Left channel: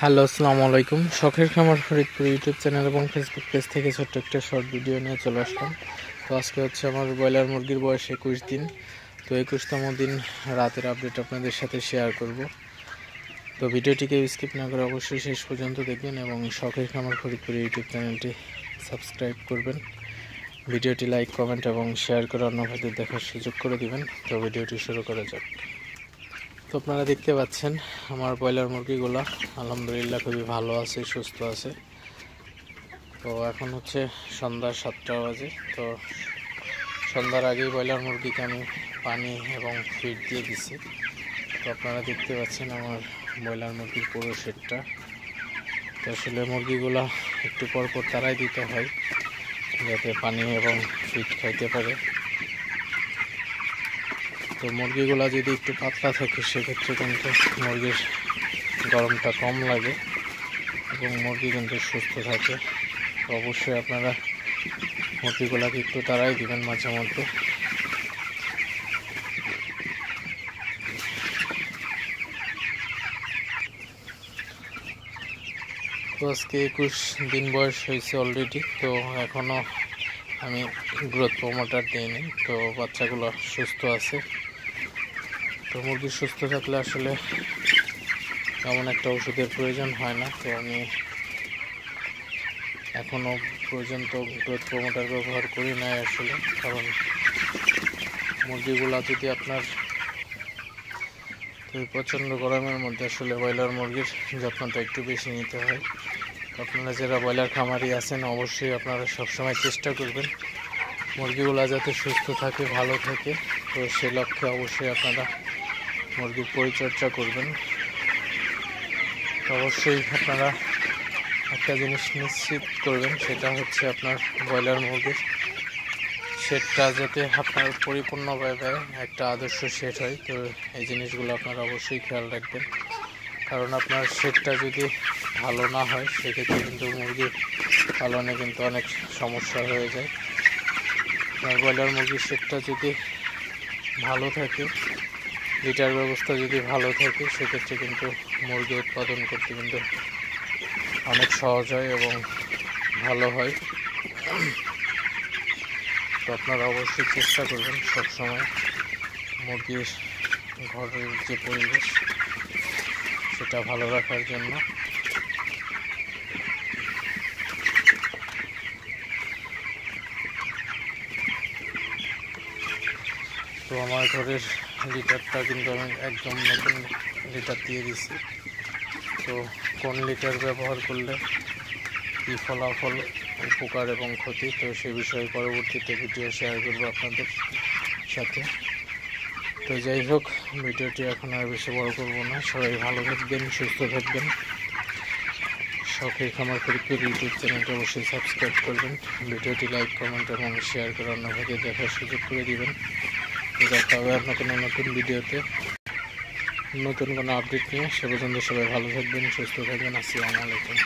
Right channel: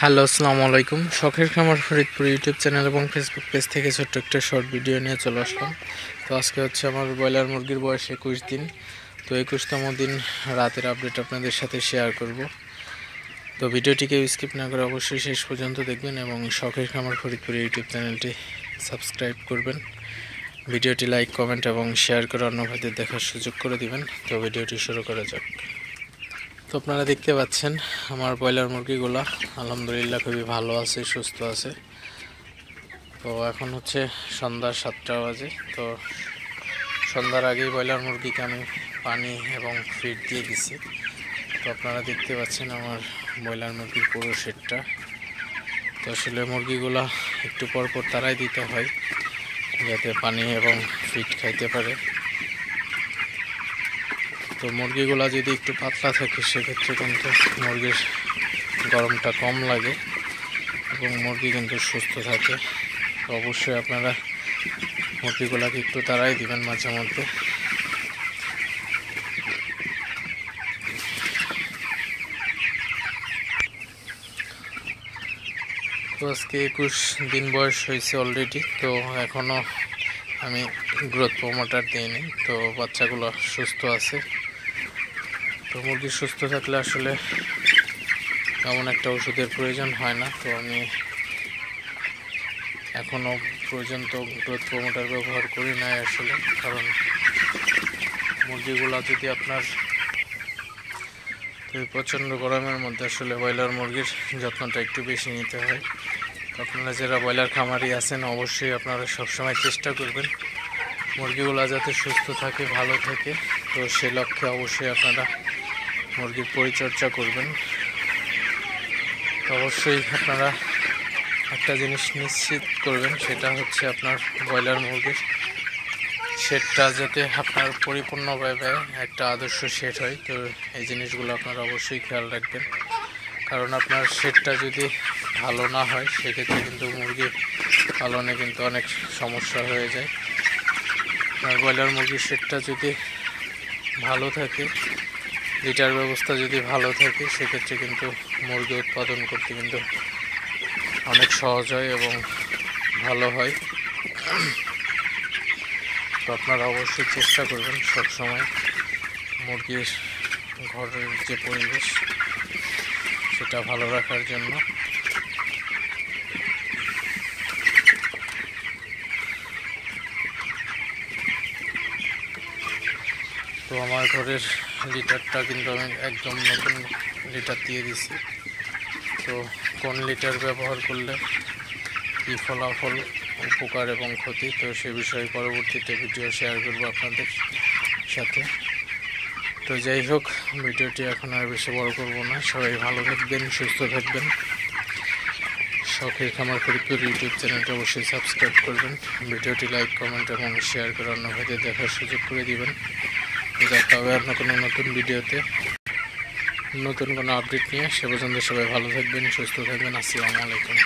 Hello, আসসালামু আলাইকুম। শখের খামার ফরিদপুর ইউটিউব চ্যানেল এবং ফেসবুক পেজ থেকে ছোট্ট একটা শর্ট ভিডিও নিয়ে চলে আসলাম। তো আজকে হচ্ছে আমার ব্রয়লার মুরগির বয়স 21 দিন। তো 21তম দিন রাতের আপডেট আপনাদের সাথে শেয়ার করব। তো ভিডিওটিকে স্কিপ না করে অবশ্যই শেষ পর্যন্ত দেখবেন এবং শখের খামার ফরিদপুর ইউটিউব চ্যানেলটি সাবস্ক্রাইব করবেন। ভিডিওটি লাইক, কমেন্ট এবং শেয়ার করে অন্য ভাইদের দেখার সুযোগ করে দিবেন। তো ভিডিওটি শুরু করা যাক। তো আপনারা দেখতে পাচ্ছেন আমার ব্রয়লার মুরগিগুলো আলহামদুলিল্লাহ খুবই ভালো আছে, সুস্থ আছে। তো এখন হচ্ছে সন্ধ্যা 7টা বাজে। তো সন্ধ্যার আগেই ব্রয়লার মুরগিকে আমি পানি এবং ফিড দিয়ে দিছি। তো আপনারা দেখতে পাচ্ছেন আমার ব্রয়লার মুরগির পুরো শেডটা। তো আসলে মুরগিগুলো একটু পর পর তারাই দিতে হয় যাতে পানি এবং ফিড খাইতে পারে। তো মুরগিগুলো যদি একটু পাতলা থাকে সেক্ষেত্রে কিন্তু মুরগির গরমটা কম লাগে এবং মুরগি কিন্তু সুস্থ থাকে। তো অবশ্যই আপনারা মুরগিগুলোকে একটু তাড়াই দিবেন মাঝে মধ্যে। তো আজকে 21 দিন বয়স হয়েছে অলরেডি। তো এখনও আমি গ্রোথ প্রমোটার দিইনি। তো বাচ্চাগুলো সুস্থ আছে। তো মুরগি সুস্থ থাকলে আসলে তেমন একটা ওষুধের প্রয়োজন হয় না। তো আমি এখনও পর্যন্ত গ্রোথ প্রমোটার ব্যবহার করি না আসলে, কারণ মুরগিগুলা যদি আপনার প্রচণ্ড গরমের মধ্যে আসলে ব্রয়লার মুরগির যত্নটা একটু বেশি নিতে হয়। আপনারা যারা ব্রয়লার খামারি আছেন অবশ্যই আপনারা সবসময় চেষ্টা করবেন মুরগিগুলা যাতে সুস্থ থাকে, ভালো থাকে। তো সে লক্ষ্যে অবশ্যই আপনারা মুরগির পরিচর্যা করবেন। অবশ্যই আপনারা একটা জিনিস নিশ্চিত করবেন, সেটা হচ্ছে আপনার ব্রয়লার মুরগির শেডটা যাতে আপনার পরিপূর্ণভাবে একটা আদর্শ শেড হয়। তো এই জিনিসগুলো আপনারা অবশ্যই খেয়াল রাখবেন, কারণ আপনার শেডটা যদি ভালো না হয় সেক্ষেত্রে কিন্তু মুরগি পালনে কিন্তু অনেক সমস্যা হয়ে যায়। আপনার ব্রয়লার মুরগির শেডটা যদি ভালো থাকে, লিটার ব্যবস্থা যদি ভালো থাকে, সেক্ষেত্রে কিন্তু মুরগি উৎপাদন করতে কিন্তু অনেক সহজ হয় এবং ভালো হয়। তো আপনারা অবশ্যই চেষ্টা করবেন সবসময় মুরগির ঘরের যে পরিবেশ সেটা ভালো রাখার জন্য। তো আমার ঘরের লিটারটা কিন্তু আমি একদম নতুন লিটার দিয়ে দিছি। তো কোন লিটার ব্যবহার করলে কী ফলাফল, উপকার এবং ক্ষতি, তো সে বিষয়ে পরবর্তীতে ভিডিও শেয়ার করব আপনাদের সাথে। তো যাই হোক, ভিডিওটি এখন আর বেশি বড় করব না। সবাই ভালো থাকবেন, সুস্থ থাকবেন। শখের খামার ফরিদপুর ইউটিউব চ্যানেলটি অবশ্যই সাবস্ক্রাইব করবেন। ভিডিওটি লাইক, কমেন্ট এবং শেয়ার করে অন্য ভাইদের দেখার সুযোগ করে দিবেন। দেখা হবে অন্য কোনো নতুন ভিডিওতে, নতুন কোনো আপডেট নিয়ে। সে পর্যন্ত সবাই ভালো থাকবেন, সুস্থ থাকবেন। আসসালামু আলাইকুম।